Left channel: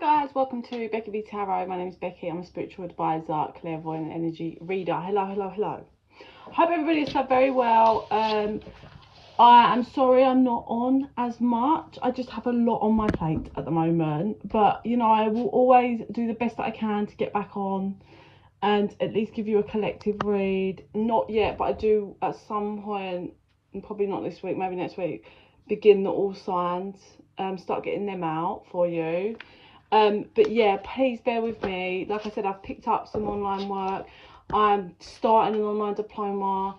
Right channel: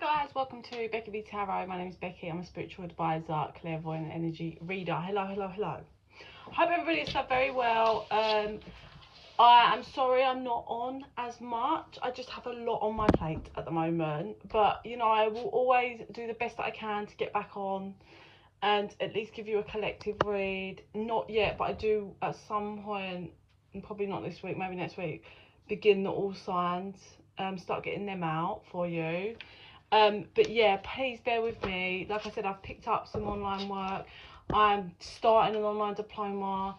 guys, welcome to Becky Tarot. My name is Becky. I'm a spiritual advisor, clairvoyant energy reader. Hello. Hope everybody is very well. I am sorry I'm not on as much. I just have a lot on my plate at the moment. But, you know, I will always do the best that I can to get back on and at least give you a collective read. Not yet, but I do at some point, and probably not this week, maybe next week, begin the all signs. Start getting them out for you. But yeah, please bear with me. Like I said, I've picked up some online work. I'm starting an online diploma.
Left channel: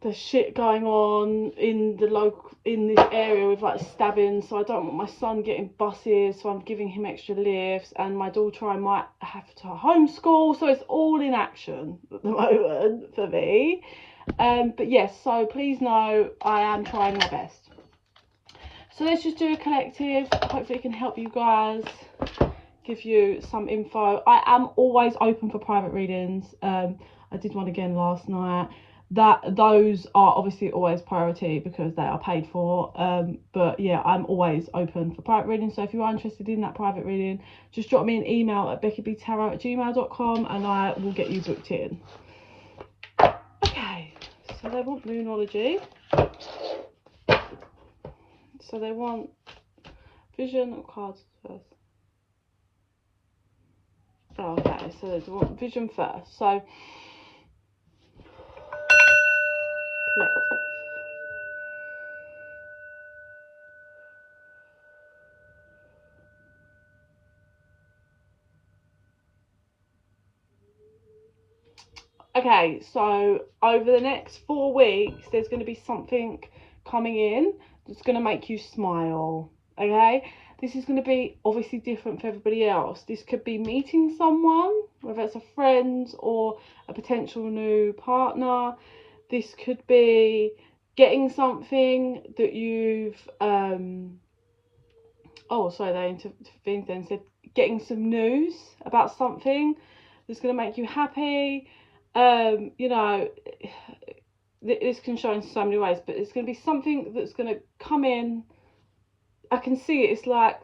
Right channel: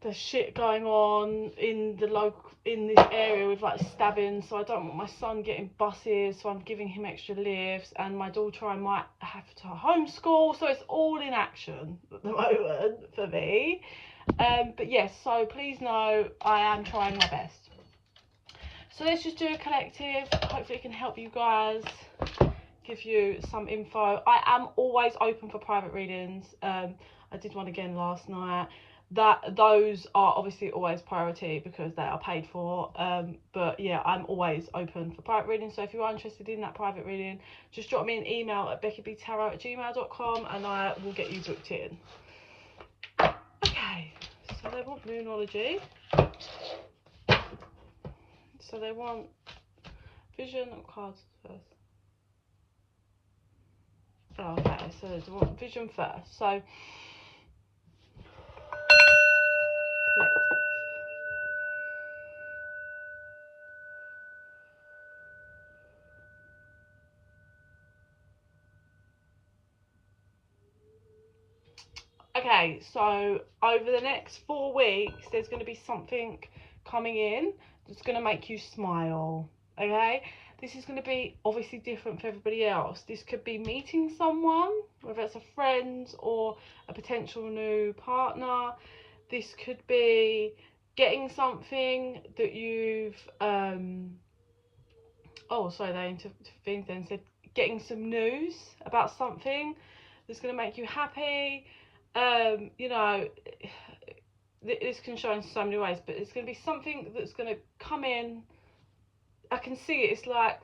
There's shit going on in this area with like stabbing, so I don't want my son getting buses, so I'm giving him extra lifts, and my daughter I might have to homeschool, so it's all in action at the moment for me. But yes, so please know I am trying my best. So let's just do a collective. Hopefully it can help you guys, give you some info. I am always open for private readings. I did one again last night. Those are obviously always priority because they are paid for. But yeah, I'm always open for private reading. So if you are interested in that private reading, just drop me an email at bekibtarot@gmail.com and I will get you booked in. Okay, so they want moonology. So they want vision or cards first. Oh, okay, so they want vision first. So collective. Okay, so over the next 4 weeks, there's going to be something coming in that's going to make you smile, okay? This is going to be obviously different for everybody else. This could be meeting someone, whether it's a friend or a potential new partner. This could be getting something that you've, oh, sorry, they intervened then, said getting some news about something that's going to make you happy. You know, this can show in so many ways, but it's going to be something that's going to come in. I can see it. It's like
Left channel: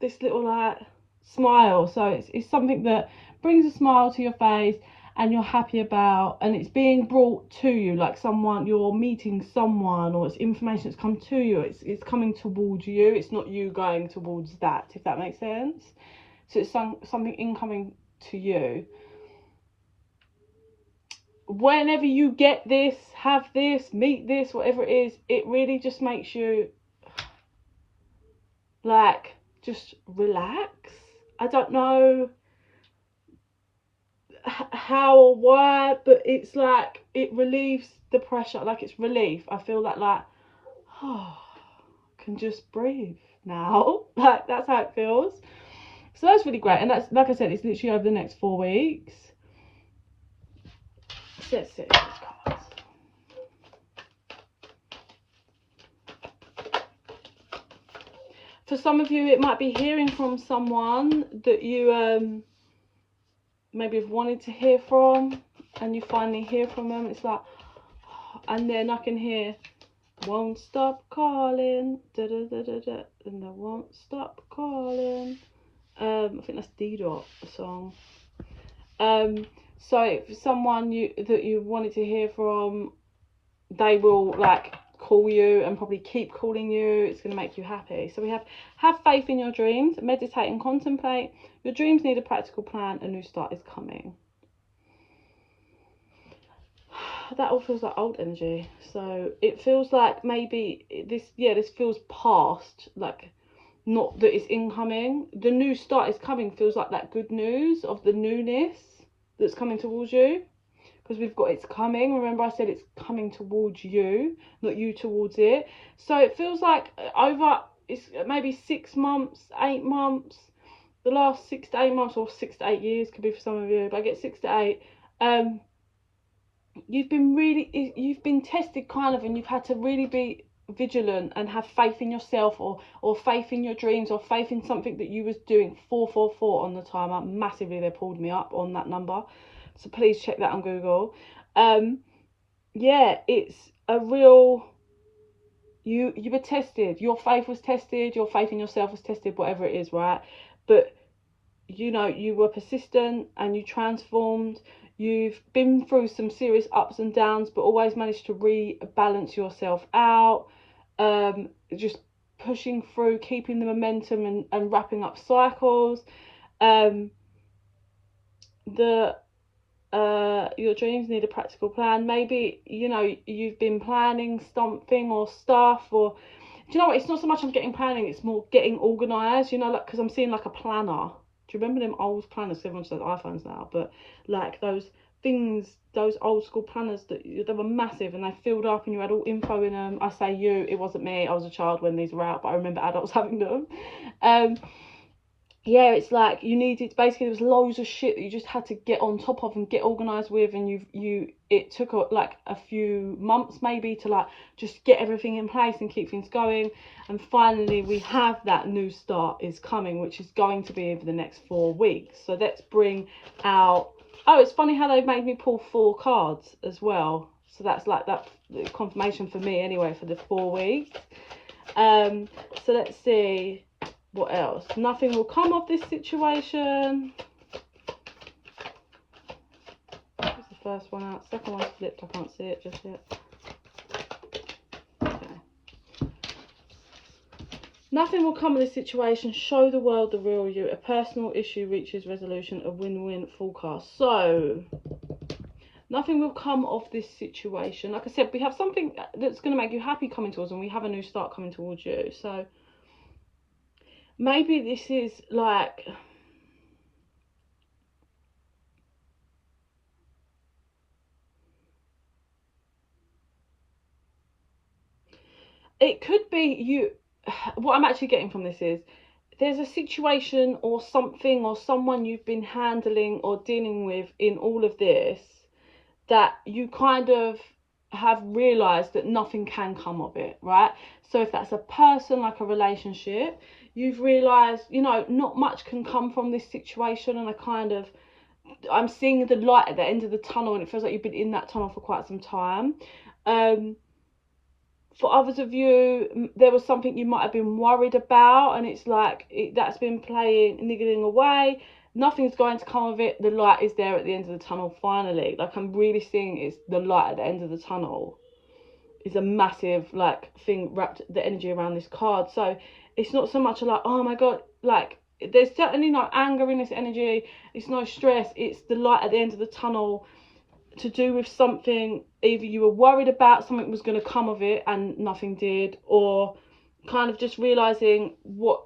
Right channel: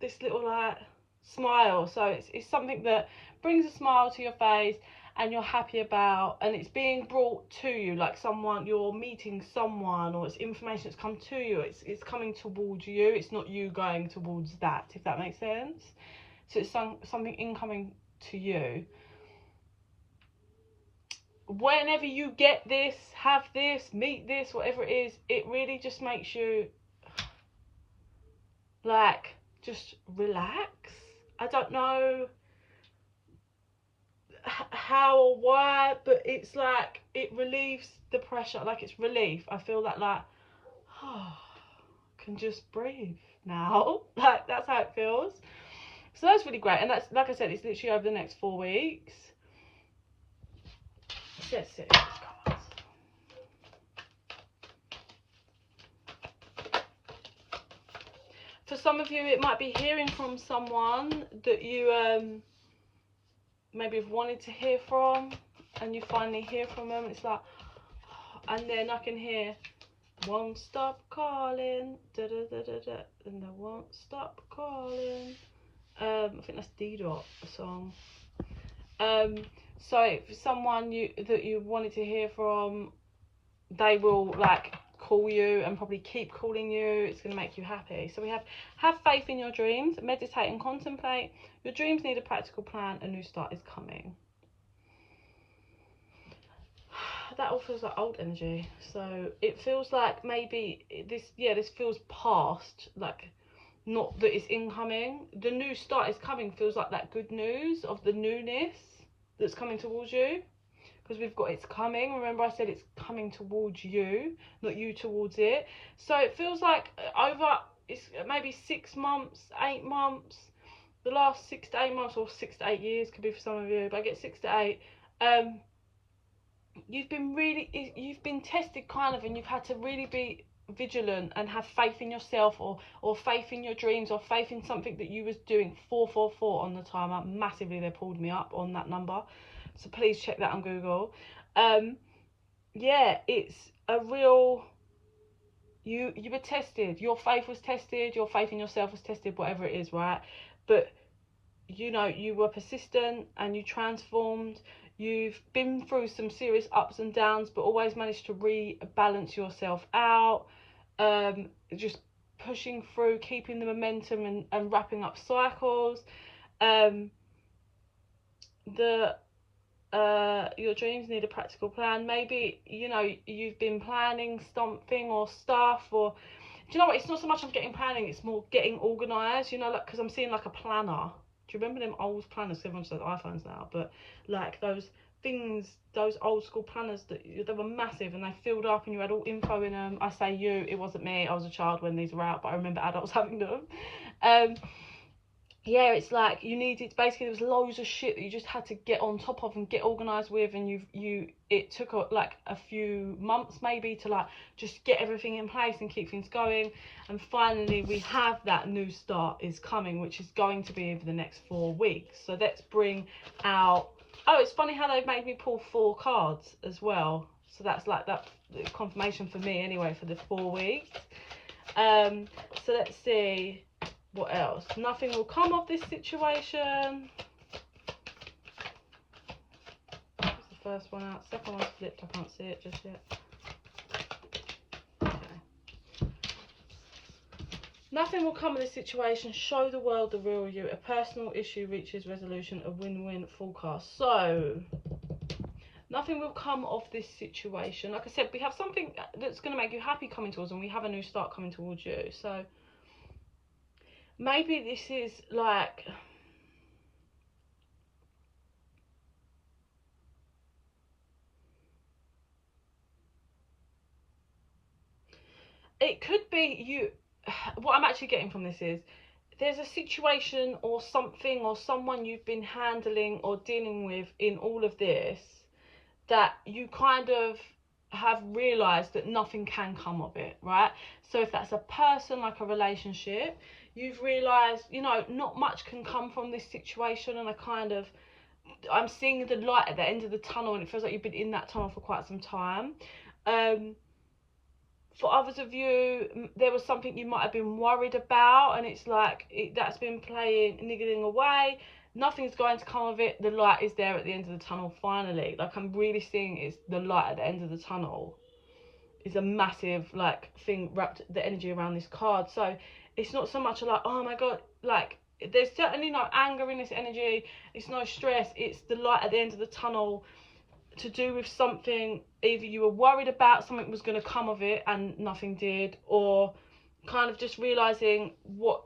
this little like smile. So it's something that brings a smile to your face and you're happy about, and it's being brought to you, like someone, you're meeting someone, or it's information that's come to you. It's coming towards you. It's not you going towards that, if that makes sense. So it's something incoming to you. Whenever you get this, have this, meet this, whatever it is, it really just makes you like just relax. I don't know how or why, but it's like it relieves the pressure. Like it's relief. I feel like oh, I can just breathe now. Like that's how it feels. So that's really great, and that's, like I said, it's literally over the next 4 weeks. Let's see. For some of you, it might be hearing from someone that you maybe have wanted to hear from, and you finally hear from them. It's like, and then I can hear, won't stop calling, da da da da da, and I won't stop calling. I think that's D-Dot, the song. So for someone that you wanted to hear from, they will like call you and probably keep calling you. It's going to make you happy. So we have faith in your dreams, meditate and contemplate. Your dreams need a practical plan. A new start is coming. That all feels like old energy. So it feels like maybe this feels past, like not that it's incoming. The new start is coming feels like that good news of the newness that's coming towards you. Because we've got it's coming. Remember I said it's coming towards you, not you towards it. So it feels like it's maybe 6 months, 8 months, the last 6 to 8 months, or 6 to 8 years could be for some of you, but I get 6 to 8. You've been tested kind of, and you've had to really be vigilant and have faith in yourself, or faith in your dreams, or faith in something that you was doing. 444 on the timer, massively. They pulled me up on that number. So please check that on Google. Yeah, it's a real, you were tested. Your faith was tested. Your faith in yourself was tested, whatever it is, right? but you know, you were persistent and you transformed. You've been through some serious ups and downs, but always managed to rebalance yourself out. Just pushing through, keeping the momentum and wrapping up cycles. Your dreams need a practical plan. Maybe, you know, you've been planning something or stuff, or do you know what, it's not so much I'm getting planning, it's more getting organized, you know, like, because I'm seeing like a planner. Do you remember them old planners? Everyone says iPhones now, but like those things, those old school planners that they were massive and they filled up and you had all info in them. I say you, it wasn't me, I was a child when these were out, but I remember adults having them. Yeah, it's like you needed, basically there was loads of shit that you just had to get on top of and get organised with, and it took like a few months maybe to like just get everything in place and keep things going. And finally we have that new start is coming, which is going to be over the next 4 weeks. So let's bring out, oh, it's funny how they've made me pull 4 cards as well, so that's like that confirmation for me anyway for the 4 weeks. So let's see what else. Nothing will come of this situation. What's the first one out? Second one's flipped, I can't see it just yet. Okay. Nothing will come of this situation. Show the world the real you. A personal issue reaches resolution. A win-win forecast. So nothing will come of this situation. Like I said, we have something that's going to make you happy coming towards us, and we have a new start coming towards you. So maybe this is like, it could be you, what I'm actually getting from this is there's a situation or something or someone you've been handling or dealing with in all of this that you kind of have realised that nothing can come of it, right? So if that's a person, like a relationship, you've realised, you know, not much can come from this situation, and I'm seeing the light at the end of the tunnel, and it feels like you've been in that tunnel for quite some time. For others of you, there was something you might have been worried about, and it's like that's been niggling away. Nothing's going to come of it. The light is there at the end of the tunnel finally. Like, I'm really seeing it's the light at the end of the tunnel is a massive like thing wrapped the energy around this card. So it's not so much like, oh my god, like there's certainly no anger in this energy, it's no stress, it's the light at the end of the tunnel to do with something either you were worried about something was going to come of it and nothing did, or kind of just realizing what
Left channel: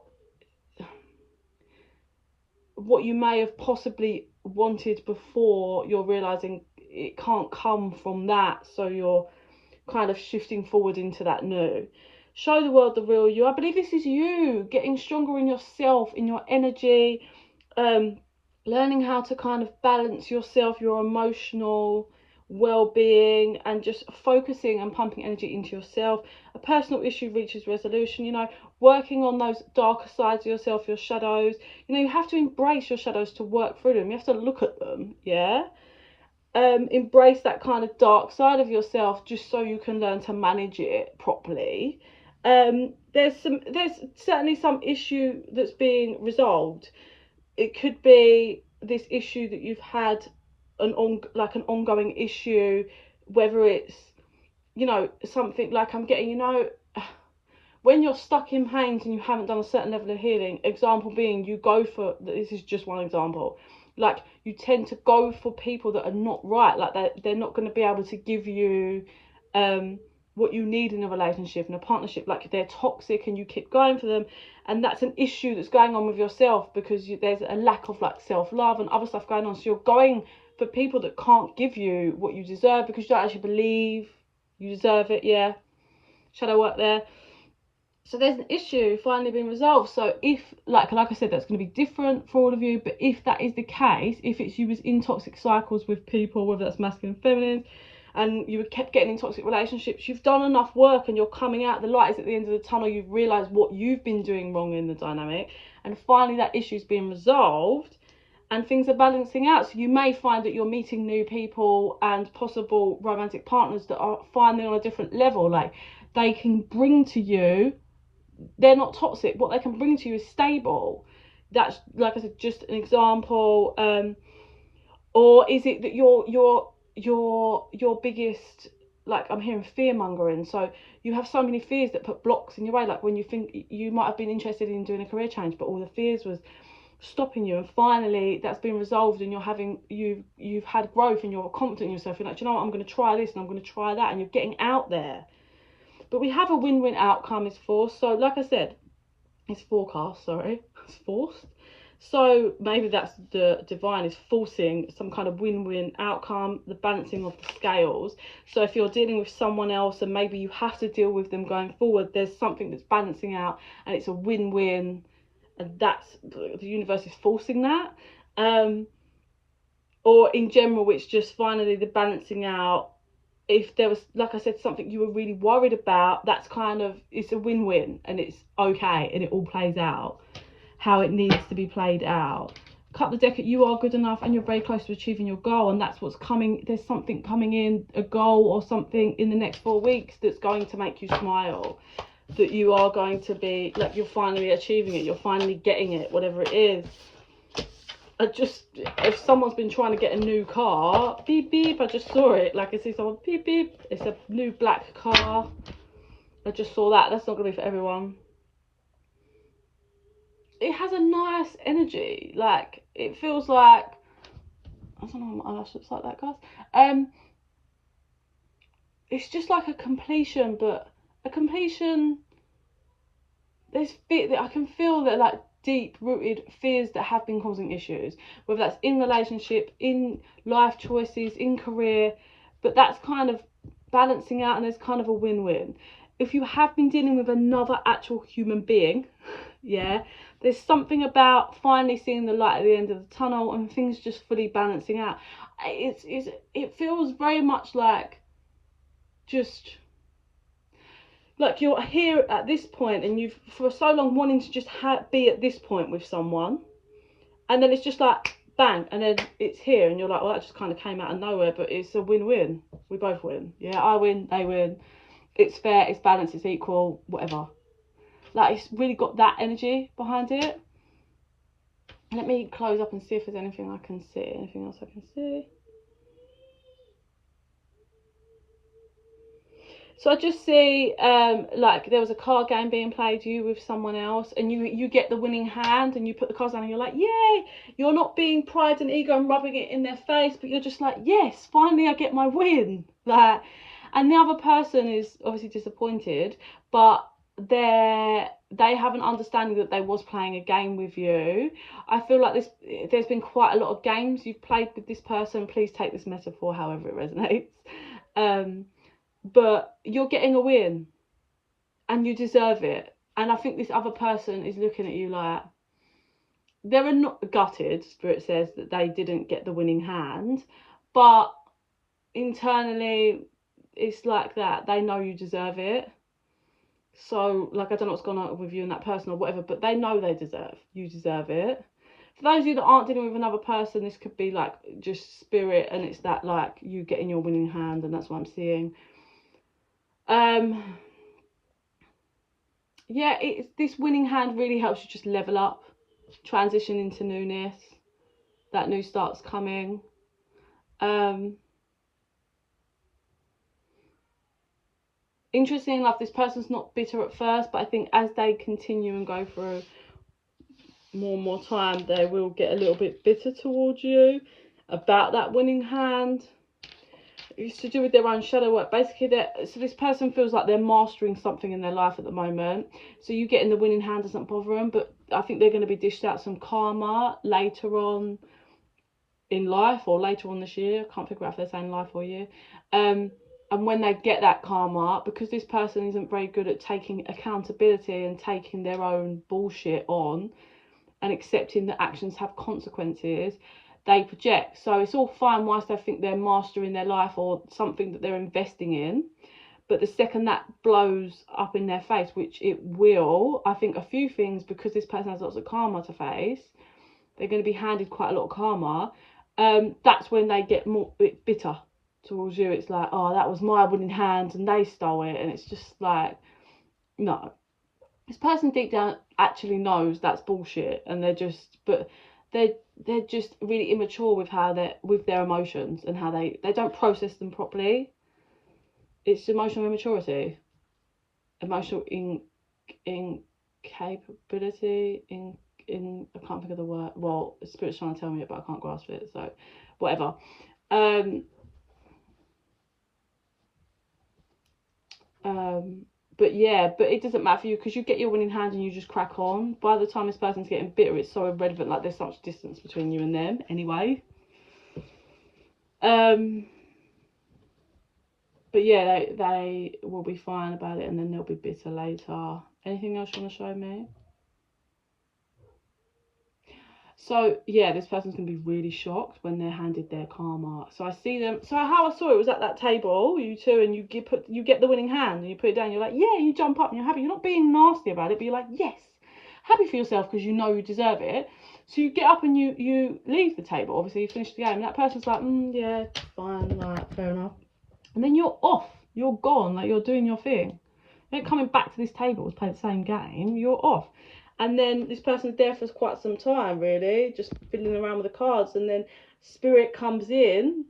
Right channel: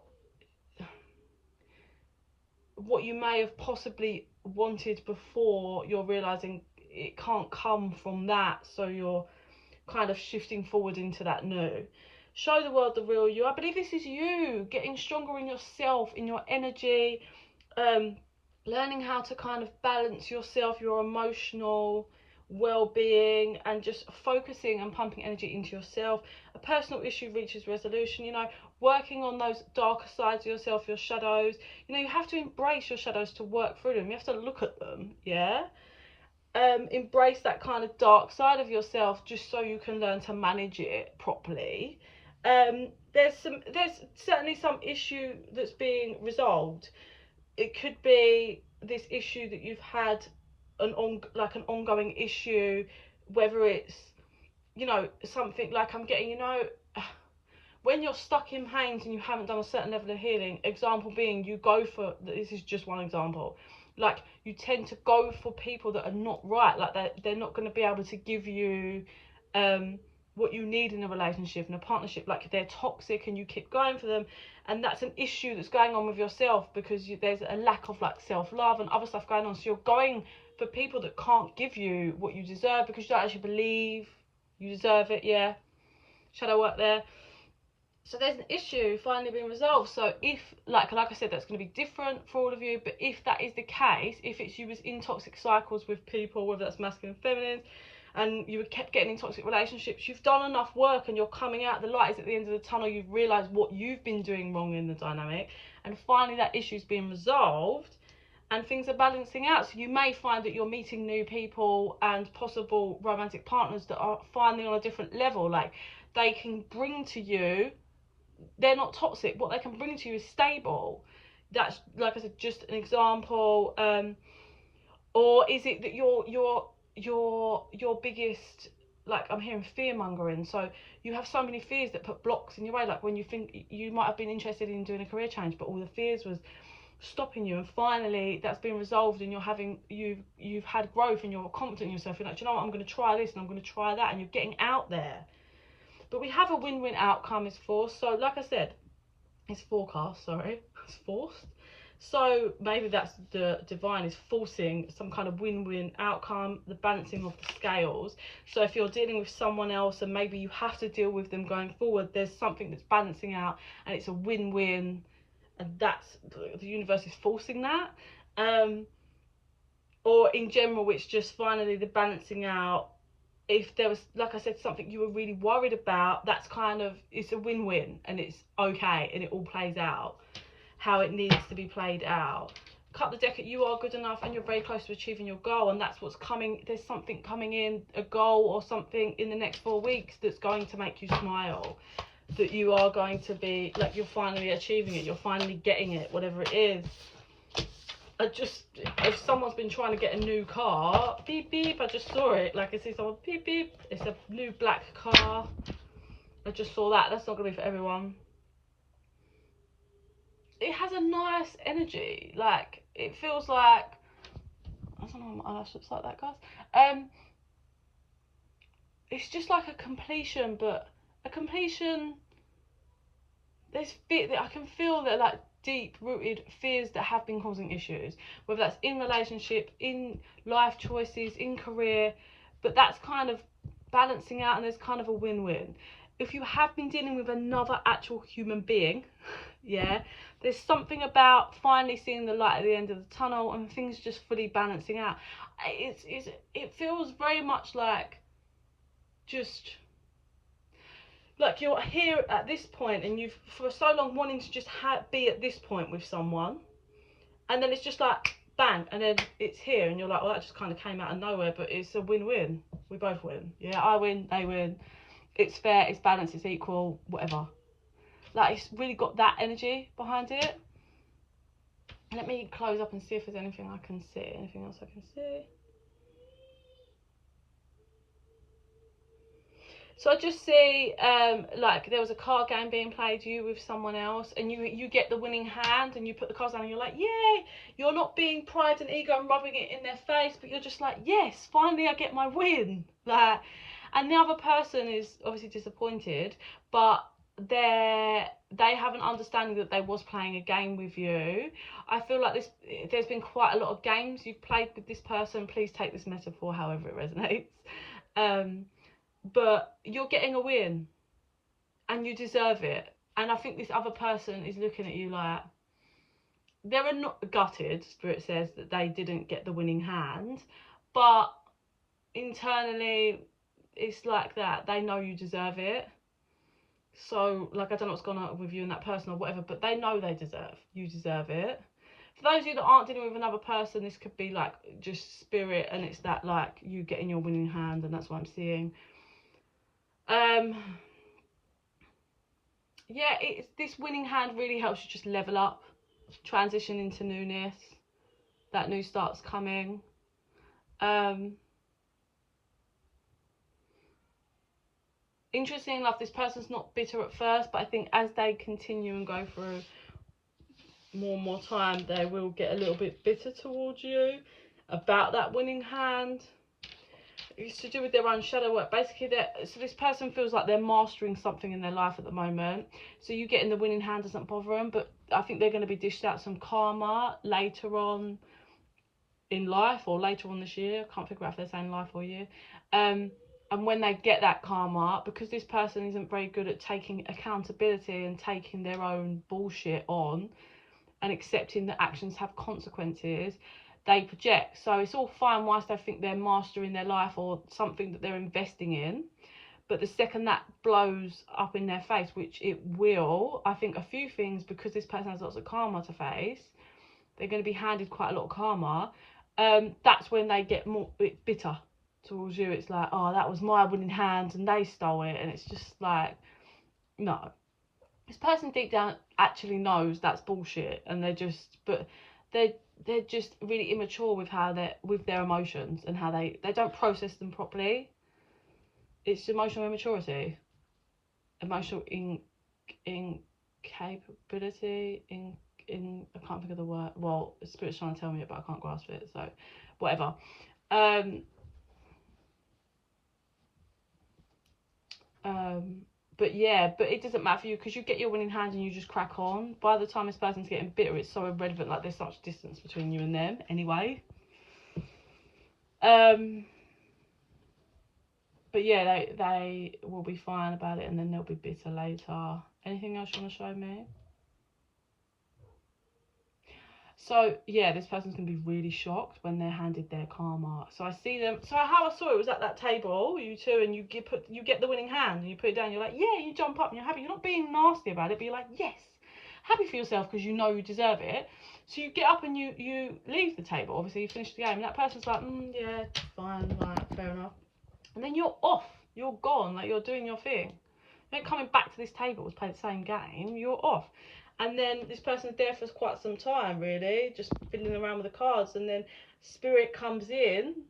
you may have possibly wanted before, you're realizing it can't come from that, so you're kind of shifting forward into that new. Show the world the real you. I believe this is you getting stronger in yourself, in your energy, learning how to kind of balance yourself, your emotional well-being, and just focusing and pumping energy into yourself. A personal issue reaches resolution, you know, working on those darker sides of yourself, your shadows. You know, you have to embrace your shadows to work through them. You have to look at them, yeah. Embrace that kind of dark side of yourself just so you can learn to manage it properly. There's certainly some issue that's being resolved. It could be this issue that you've had an ongoing issue, whether it's, you know, something like I'm getting, you know, when you're stuck in pains and you haven't done a certain level of healing, example being you go for, this is just one example, like you tend to go for people that are not right, like they're not going to be able to give you what you need in a relationship, in a partnership, like they're toxic and you keep going for them, and that's an issue that's going on with yourself because there's a lack of like self-love and other stuff going on, so you're going for people that can't give you what you deserve because you don't actually believe you deserve it. Yeah, shadow work there. So there's an issue finally being resolved. So if, like I said, that's going to be different for all of you, but if that is the case, if it's you was in toxic cycles with people, whether that's masculine and feminine, and you kept getting in toxic relationships, you've done enough work and you're coming out, the light is at the end of the tunnel, you've realised what you've been doing wrong in the dynamic, and finally that issue's being resolved and things are balancing out. So you may find that you're meeting new people and possible romantic partners that are finally on a different level, like they can bring to you, they're not toxic, what they can bring to you is stable. That's, like I said, just an example. Or is it that your biggest, like, I'm hearing fear mongering, so you have so many fears that put blocks in your way, like when you think you might have been interested in doing a career change, but all the fears was stopping you, and finally that's been resolved, and you've had growth, and you're confident in yourself. You're like, do you know what, I'm going to try this and I'm going to try that, and you're getting out there. But we have a win-win outcome is forced. So like I said, it's forecast, sorry, it's forced. So maybe that's the divine is forcing some kind of win-win outcome, the balancing of the scales. So if you're dealing with someone else and maybe you have to deal with them going forward, there's something that's balancing out and it's a win-win, and that's, the universe is forcing that. Or in general, it's just finally the balancing out. If there was, like I said, something you were really worried about, that's kind of, it's a win-win, and it's okay, and it all plays out how it needs to be played out. Cut the deck at you are good enough and you're very close to achieving your goal, and that's what's coming. There's something coming in, a goal or something in the next 4 weeks that's going to make you smile, that you are going to be like, you're finally achieving it, you're finally getting it, whatever it is. Just, if someone's been trying to get a new car, beep beep, I just saw it, like I see someone beep beep, it's a new black car, I just saw that. That's not gonna be for everyone. It has a nice energy, like it feels like, I don't know what my eyelash looks like that, guys. It's just like a completion, but a completion, there's fear that I can feel, that like deep rooted fears that have been causing issues, whether that's in relationship, in life choices, in career, but that's kind of balancing out, and there's kind of a win-win. If you have been dealing with another actual human being, yeah, there's something about finally seeing the light at the end of the tunnel and things just fully balancing out. It feels very much like, just like you're here at this point, and you've for so long wanting to just be at this point with someone, and then it's just like bang, and then it's here, and you're like, well, that just kind of came out of nowhere, but it's a win-win. We both win. Yeah, I win, they win. It's fair, it's balanced, it's equal, whatever. Like, it's really got that energy behind it. Let me close up and see if there's anything I can see. Anything else I can see? So I just see, like, there was a card game being played, you with someone else, and you get the winning hand, and you put the cards down, and you're like, yay! You're not being pride and ego and rubbing it in their face, but you're just like, yes, finally I get my win. Like, and the other person is obviously disappointed, but they have an understanding that they was playing a game with you. I feel like there's been quite a lot of games you've played with this person. Please take this metaphor however it resonates. But you're getting a win and you deserve it. And I think this other person is looking at you like, they're not gutted, Spirit says, that they didn't get the winning hand, but internally it's like that, they know you deserve it. So, like, I don't know what's gone on with you and that person or whatever, but they know you deserve it. For those of you that aren't dealing with another person, this could be like just spirit, and it's that, like, you getting your winning hand, and that's what I'm seeing. Yeah, it's, this winning hand really helps you just level up, transition into newness. That new start's coming. Interesting enough, this person's not bitter at first, but I think as they continue and go through more and more time, they will get a little bit bitter towards you about that winning hand. It's to do with their own shadow work. Basically, so this person feels like they're mastering something in their life at the moment. So you getting the winning hand doesn't bother them, but I think they're going to be dished out some karma later on in life, or later on this year. I can't figure out if they're saying life or year. And when they get that karma, because this person isn't very good at taking accountability and taking their own bullshit on and accepting that actions have consequences, they project. So it's all fine whilst they think they're mastering their life or something that they're investing in, but the second that blows up in their face, which it will, I think a few things, because this person has lots of karma to face, they're going to be handed quite a lot of karma. That's when they get more bitter towards you. It's like, oh, that was my winning hand and they stole it, and it's just like, no. this person deep down actually knows that's bullshit, and they're just, but they're just really immature with how they're with their emotions, and how they don't process them properly. It's emotional immaturity, emotional incapability, I can't think of the word. Well, Spirit's trying to tell me it, but I can't grasp it, so whatever. But yeah, but it doesn't matter for you, because you get your winning hand and you just crack on. By the time this person's getting bitter, it's so irrelevant, like there's such distance between you and them anyway. But yeah, they will be fine about it, and then they'll be bitter later. Anything else you want to show me? So yeah, this person's gonna be really shocked when they're handed their karma. So I see them. So how I saw it was at that table, you two, and you get the winning hand and you put it down. You're like, yeah, you jump up and you're happy. You're not being nasty about it, but you're like, yes, happy for yourself because you know you deserve it. So you get up and you leave the table. Obviously you finish the game, and that person's like, yeah, fine, right, fair enough. And then you're off. You're gone. Like, you're doing your thing. You're not coming back to this table to play the same game. You're off. And then this person's there for quite some time, really, just fiddling around with the cards. And then Spirit comes in,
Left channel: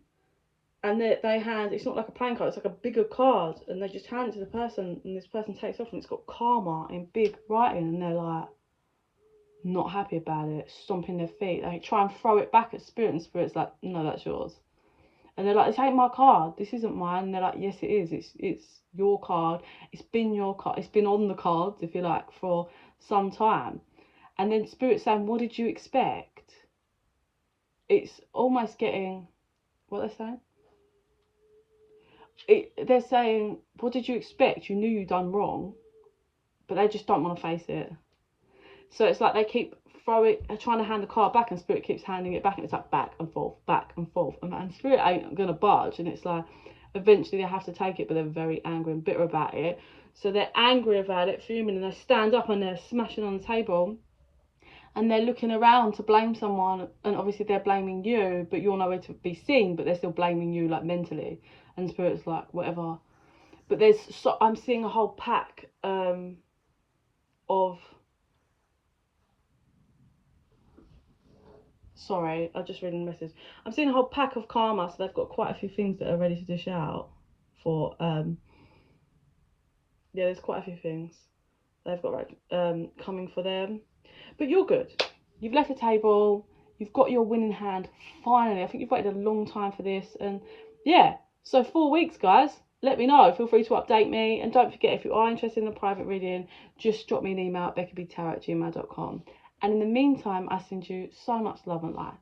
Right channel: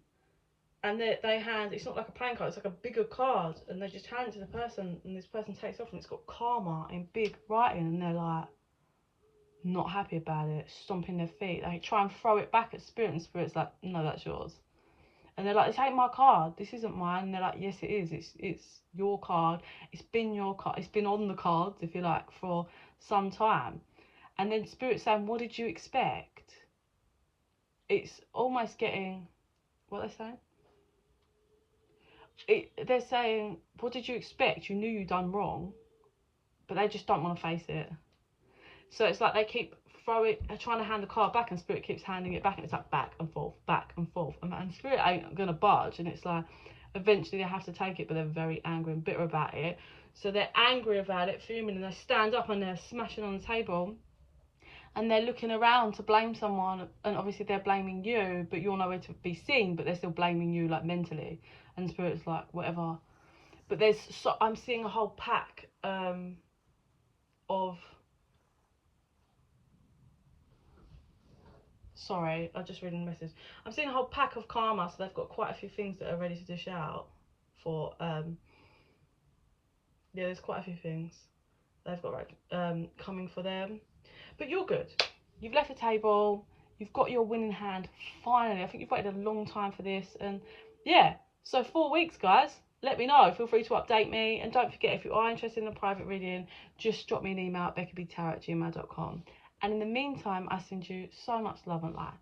and they hand, it's not like a playing card, it's like a bigger card. And they just hand it to the person, and this person takes off, and it's got karma in big writing. And they're like, not happy about it, stomping their feet. They try and throw it back at Spirit, and Spirit's like, no, that's yours. And they're like, this ain't my card, this isn't mine. And they're like, yes, it is, it's your card, it's been your card, it's been on the cards, if you like, for some time. And then Spirit's saying, what did you expect? It's almost getting, what they're saying? They're saying, what did you expect? You knew you done wrong, but they just don't want to face it. So it's like they keep trying to hand the card back, and Spirit keeps handing it back, and it's like back and forth, and Spirit ain't gonna budge. And it's like eventually they have to take it, but they're very angry and bitter about it. So they're angry about it, fuming, and they stand up and they're smashing on the table, and they're looking around to blame someone, and obviously they're blaming you, but you're nowhere to be seen, but they're still blaming you, like, mentally. And Spirit's like, whatever. But I'm seeing a whole pack of, sorry, I just read a message. I'm seeing a whole pack of karma, so they've got quite a few things that are ready to dish out for, yeah, there's quite a few things they've got coming for them. But you're good. You've left the table. You've got your winning hand, finally. I think you've waited a long time for this. And yeah, so 4 weeks, guys. Let me know. Feel free to update me. And don't forget, if you are interested in a private reading, just drop me an email at bekibtarot@gmail.com. And in the meantime, I send you so much love and light.